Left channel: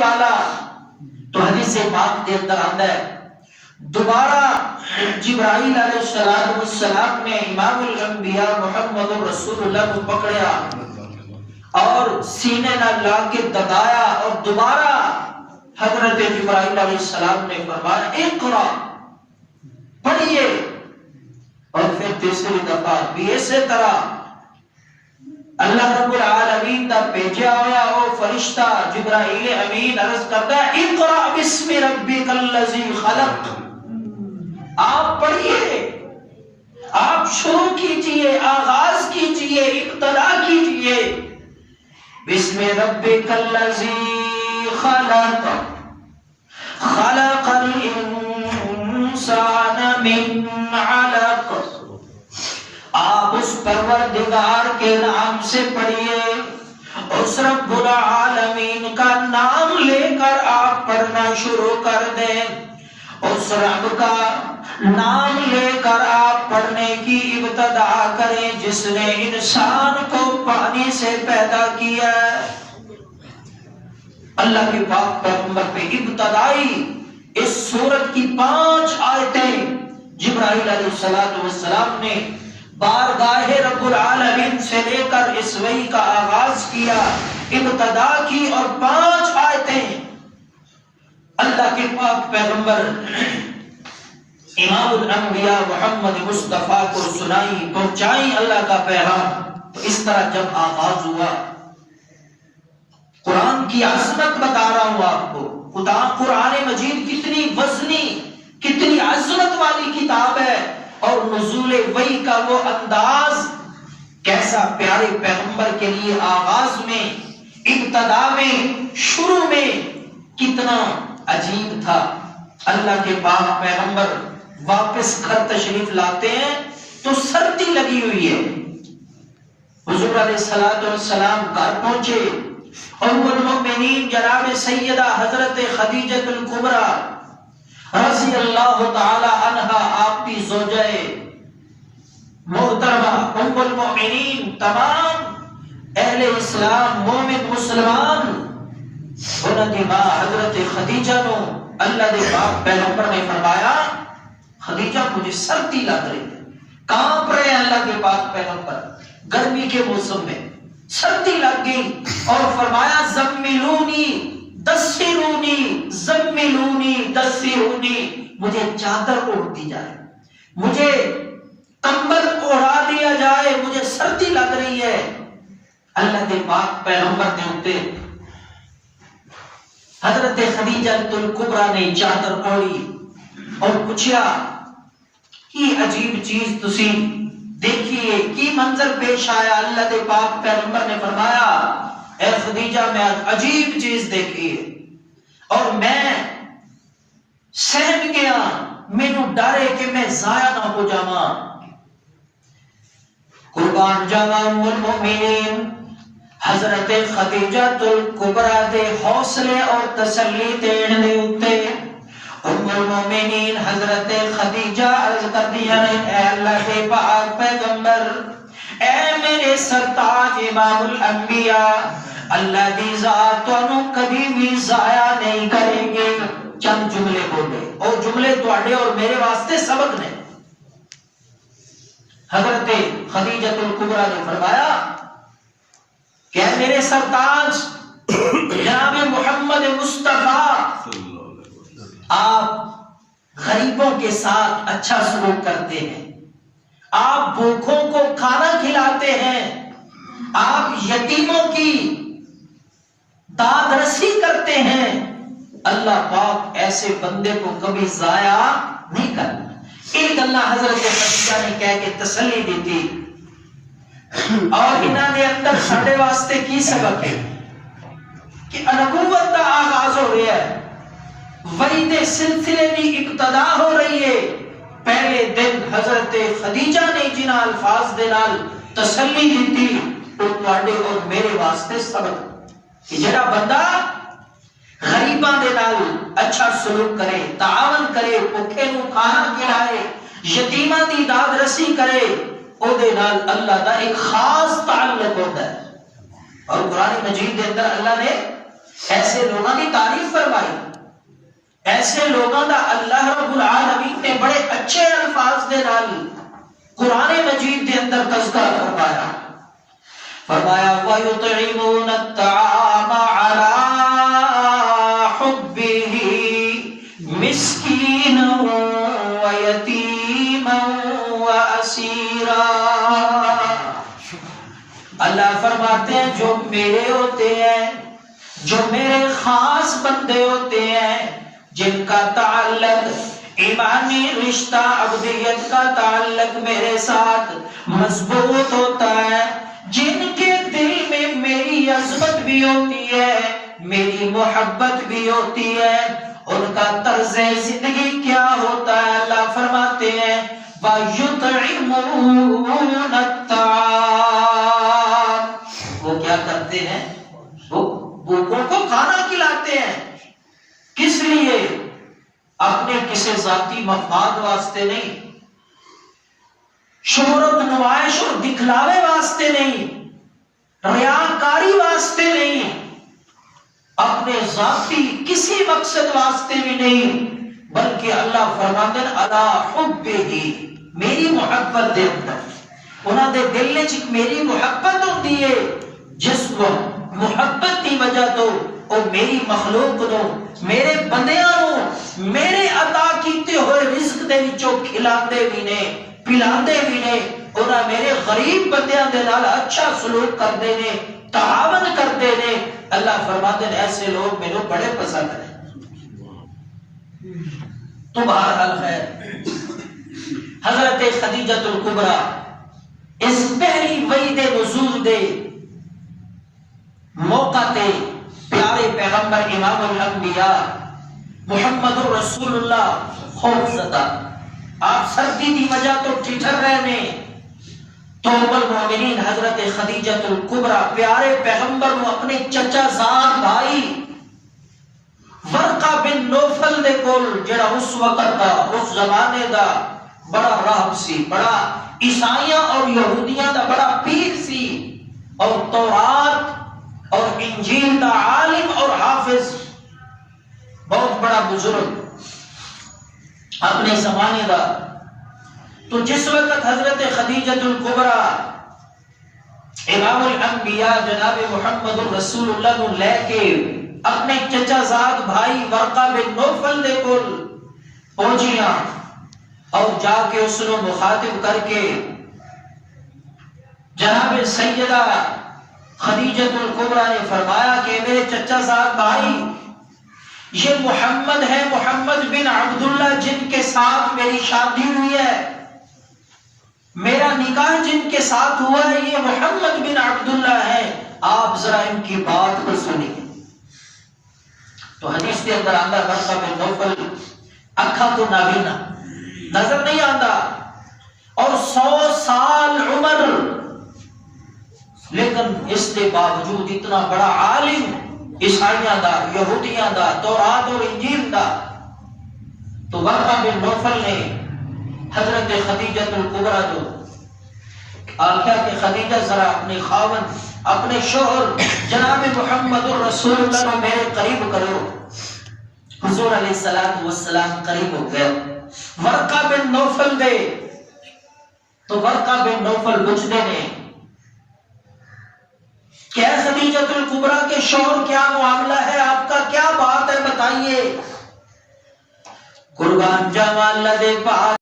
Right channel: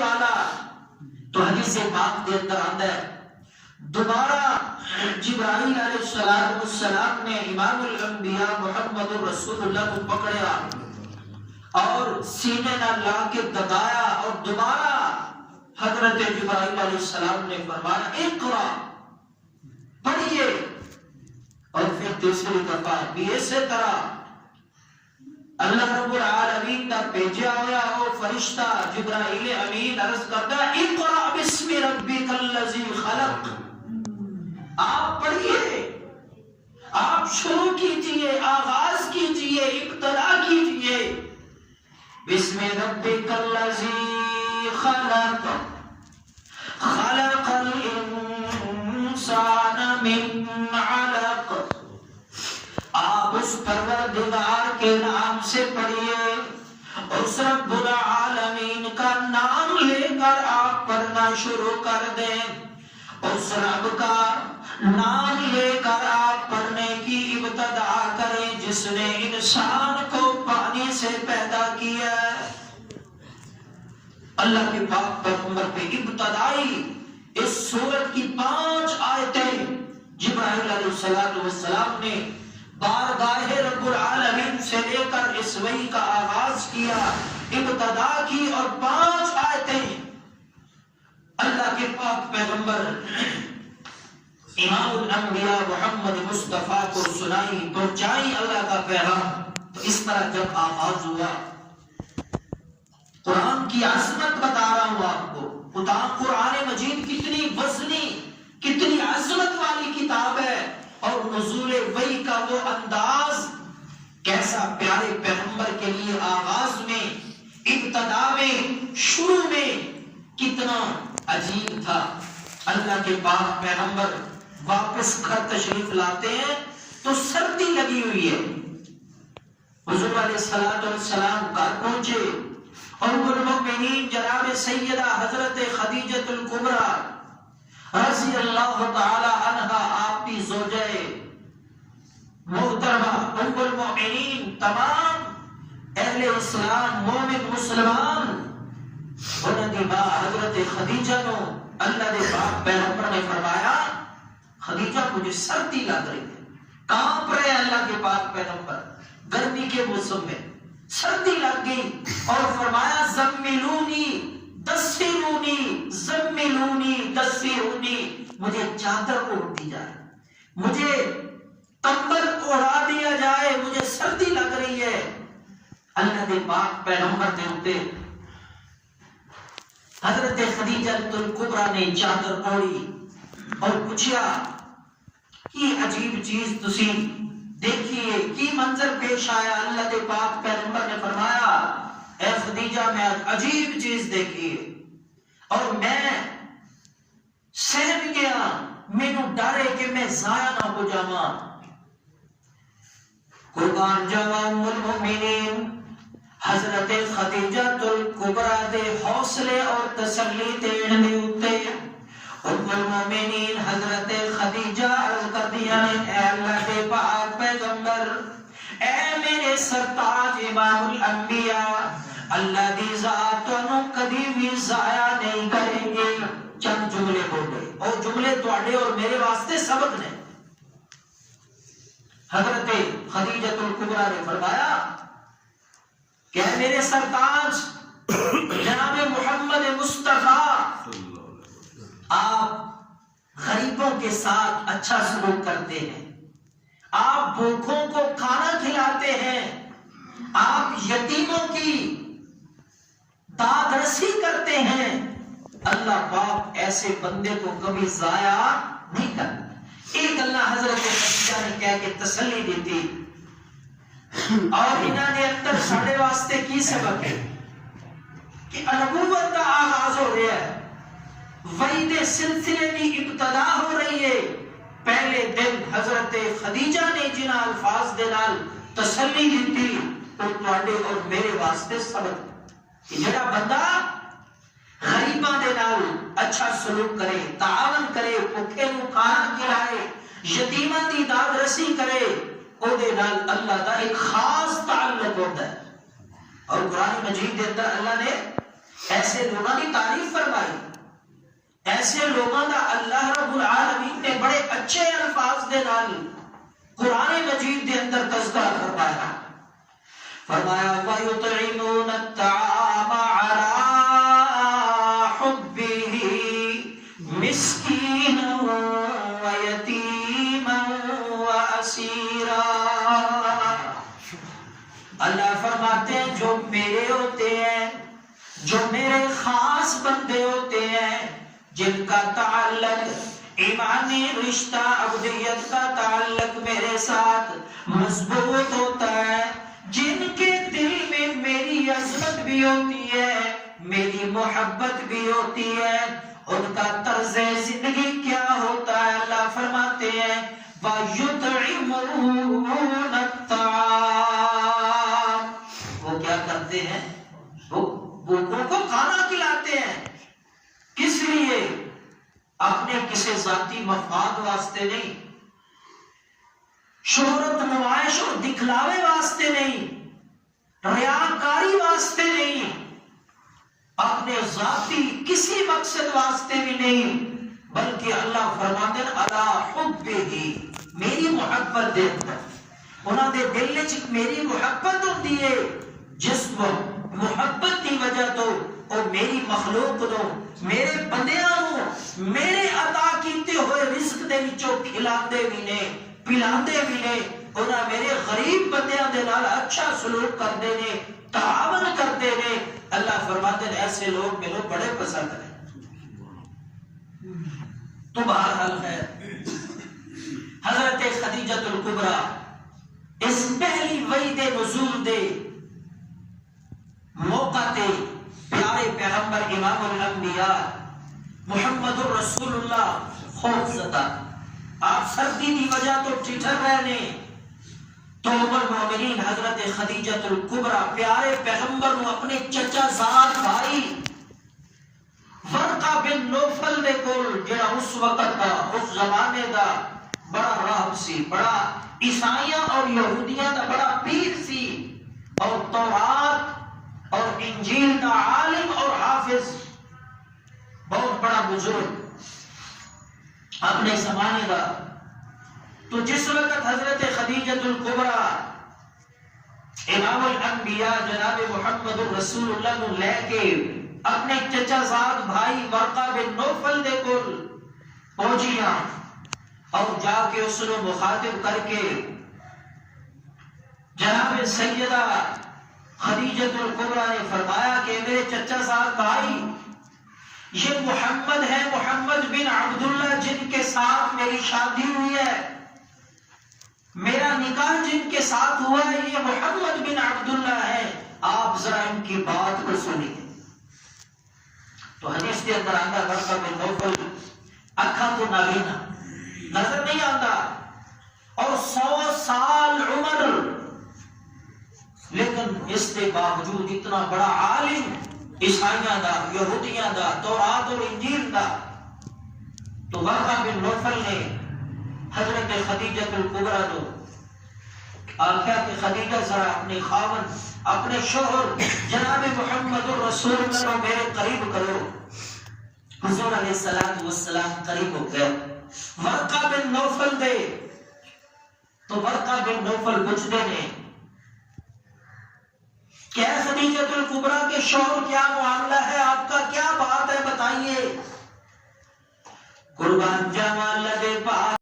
والا. تو حدیث پاک کے اندر آتا ہے دوبارہ جبرائیل علیہ السلام نے امام الانبیاء محمد رسول اللہ کو پکڑیا اور سینے نہ لا کے دبایا اور دوبارہ حضرت جبرائیل علیہ السلام نے فرمایا اقرا پڑھیے. اور پھر تیسری دفعہ بھی اسی طرح اللہ رب العالمین دا بھیجا ہوا وہ فرشتہ جبرائیل امین عرض کرتا ہے اقرا بسم ربک الذی خلق. آپ پڑھیے، آپ شروع کیجئے، آغاز کیجئے، ابتدا کیجئے. بسم ربک الذی خلق خلق الانسان من علق. آپ اس پروردگار کے نام سے پڑھیے، اس رب العالمین کا نام لے کر آپ پڑھنا شروع کر دیں. اس رب کا نام لے کر آپ پڑھنے کی ابتدا کریں جس نے انسان کو پانی سے پیدا کیا. اللہ کے پاک پیغمبر پہ ابتدائی اس سورت کی 5 آیتیں جبرائیل علیہ السلام نے بارگاہ رب العالمین سے لے کر اس وحی کا آغاز کیا، ابتدا کی، اور 5 آیتیں اللہ کے پاک پیغمبر امام الانبیاء محمد مصطفیٰ کو سنائی، پہنچائی اللہ کا پیغام. تو اس طرح جب آغاز ہوا، قرآن کی عظمت بتا رہا ہوں آپ کو. خدا قرآن مجید کتنی وزنی، کتنی عظمت والی کتاب ہے، اور نزول وحی کا وہ انداز کیسا پیارے پیغمبر کے لیے آغاز میں، ابتدا میں، شروع میں کتنا عجیب تھا. اللہ کے پاک پیغمبر واپس گھر تشریف لاتے ہیں تو سردی لگی ہوئی ہے. حضور علیہ السلام گھر پہنچے اور المؤمنین جناب سیدہ حضرت خدیجہ الکبریٰ رضی اللہ تعالی عنہا آپ کی زوجہ محترمہ ام المؤمنین، تمام اہل اسلام مومن مسلمان، انہوں نے ماں حضرت خدیجہ نو اللہ دے پاک پیغمبر نے فرمایا خدیجہ مجھے سردی لگ رہی ہے. کانپ رہے اللہ کے پاک پیغمبر گرمی کے موسم میں، سردی لگ گئی اور فرمایا زملونی دسرونی زملونی دسرونی، مجھے چادر اوڑھ دی جائے، مجھے کمبل اوڑھا دیا جائے، مجھے سردی لگ رہی ہے. اللہ کے پاک پیغمبر نے اٹھے، حضرت خدیجہ الکبریٰ نے چادر اوڑھی اور پوچھا یہ عجیب چیز تسی دیکھیے، کی منظر پیش آیا. اللہ کے پاک پیغمبر نے فرمایا اے خدیجہ میں عجیب چیز دیکھی اور میں سہم گیا، مینوں ڈر ہے کہ میں ضائع نہ ہو جاواں. قربان جاواں ام المؤمنین حضرت خدیجہ الکبریٰ دے حوصلے اور تسلی دین دے اوتے ام المؤمنین حضرت خدیجہ عرض کر دیا اے اللہ کے پاک پیغمبر، اے میرے سرتاج امام الانبیاء، اللہ دی ذات تانوں کبھی بھی ضائع نہیں کریں گے. چند جملے بولے اور جملے تواڈے اور میرے واسطے سبق نے. حضرت خدیجہ الکبریٰ نے فرمایا کہ میرے سرتاج جناب محمد مصطفیٰ، آپ غریبوں کے ساتھ اچھا سلوک کرتے ہیں، آپ بھوکوں کو کھانا کھلاتے ہیں، آپ یتیموں کی داد رسی کرتے ہیں. اللہ پاک ایسے بندے کو کبھی ضائع نہیں کرنا. ایک اللہ حضرت خدیجہ نے کہہ کے تسلی دی تھی. اور انہوں نے اندر ساڑھے واسطے کی سبق ہے کہ نبوت کا آغاز ہو رہا ہے، وحی دے سلسلے کی ابتدا ہو رہی ہے. پہلے دن حضرت خدیجہ نے جن الفاظ دے نال تسلی دی تھی وہ تواڈے اور میرے واسطے سبق کہ جڑا بندہ غریباں دے نال اچھا سلوک کرے، تعاون کرے، بھوکے نو کھانا کھلائے، یتیماں دی داد رسی کرے، او دے نال اللہ دا ایک خاص تعلق ہوتا ہے. اور قرآن مجید دے اندر اللہ نے ایسے لوگوں کی تعریف فرمائی، ایسے لوگوں کا اللہ رب العالمین نے بڑے اچھے الفاظ دے نال قرآن مجید دے اندر تذکرہ فرمایا، فرمایا وَيُطْعِمُونَ الطَّعَامَ عَلَىٰ حُبِّهِ مِسْكِينًا وَيَتِيمًا وَأَسِيرًا۔ اللہ فرماتے ہیں جو میرے ہوتے ہیں، جو میرے خاص بندے ہوتے ہیں، جن کا تعلق ایمانی رشتہ عبدیت کا تعلق میرے ساتھ مضبوط ہوتا ہے، جن کے دل میں میری عظمت بھی ہوتی ہے، میری محبت بھی ہوتی ہے، ان کا طرز زندگی کیا ہوتا ہے؟ اللہ فرماتے ہیں وَيُطْعِمُونَ الطَّعَامَ، وہ کیا کرتے ہیں؟ وہ بھوکوں کو کھانا کھلاتے ہیں۔ کس لیے؟ اپنے کسی ذاتی مفاد واسطے نہیں، شہرت نمائش اور دکھلاوے واسطے نہیں، ریاکاری واسطے نہیں، اپنے ذاتی کسی مقصد واسطے بھی نہیں، بلکہ اللہ فرماتے ہیں علی حبہ، میری محبت دے اندر انہاں دے دل وچ میری محبت ہوندی ہے، جس محبت کی وجہ تو وہ میری مخلوق نو، میرے بندیاں نو میرے عطا کیتے ہوئے رزق دے وچوں کھلاندے بھی نے، پلاندے بھی نے، انہاں میرے غریب بندیاں دے نال اچھا سلوک کردے نے، تعاون کردے نے۔ اللہ فرماتے ہیں ایسے لوگ میرے بڑے پسند ہیں۔ تو بہرحال ہے حضرت خدیجہ الکبریٰ اس پہلی وحی دے نزول دے موقع تے پیارے پیغمبر امام الانبیاء محمد الرسول اللہ خوف زدہ، آپ سردی دی وجہ تو ٹھٹر رہنے، تو المؤمنین حضرت خدیجہ الکبریٰ پیارے پیغمبر نو اپنے چچا زاد بھائی ورقہ بن نوفل دے کول، جڑا اس وقت دا اس زمانے دا بڑا راہب سی، بڑا عیسائیاں اور یہودیاں دا بڑا پیر سی، اور تورات اور انجیل دا عالم اور حافظ، بہت بڑا بزرگ اپنے زمانے دا۔ تو جس وقت حضرت خدیجہ الکبریٰ امام الانبیاء جناب محمد الرسول اللہ کو لے کے اپنے چچا زاد بھائی ورقہ بن نوفل دے کول پہنچیاں، اور جا کے اس نے مخاطب کر کے جناب سیدہ خدیجہ الکبریٰ نے فرمایا کہ میرے چچا زاد بھائی، یہ محمد ہے، محمد بن عبداللہ، جن کے ساتھ میری شادی ہوئی ہے، میرا نکاح جن کے ساتھ ہوا ہے، یہ محمد بن عبداللہ ہے، آپ ذرا ان کی بات کو سنیں۔ تو حدیث کے اندر آندہ ورقہ بن نوفل اکھا تو نابینا، نظر نہیں آتا، اور 100 سال عمر، لیکن اس کے باوجود اتنا بڑا عالم عیسائیاں دا، یہودیاں دا، تورات اور انجیل دا۔ تو ورقہ بن نوفل نے حضرت خدیجہ الکبریٰ کو آخیا کہ خدیجہ ذرا اپنے خاون، اپنے شوہر جناب محمد الرسول اللہ کو میرے قریب کرو۔ حضور علیہ السلام قریب ہو گئے، ورقہ بن نوفل دے، تو ورقہ بن نوفل پوچھتے ہیں کیا خدیجہ الکبریٰ کے شوہر، کیا معاملہ ہے آپ کا، کیا بات ہے بتائیے۔ قربان جاواں اللہ دے پاک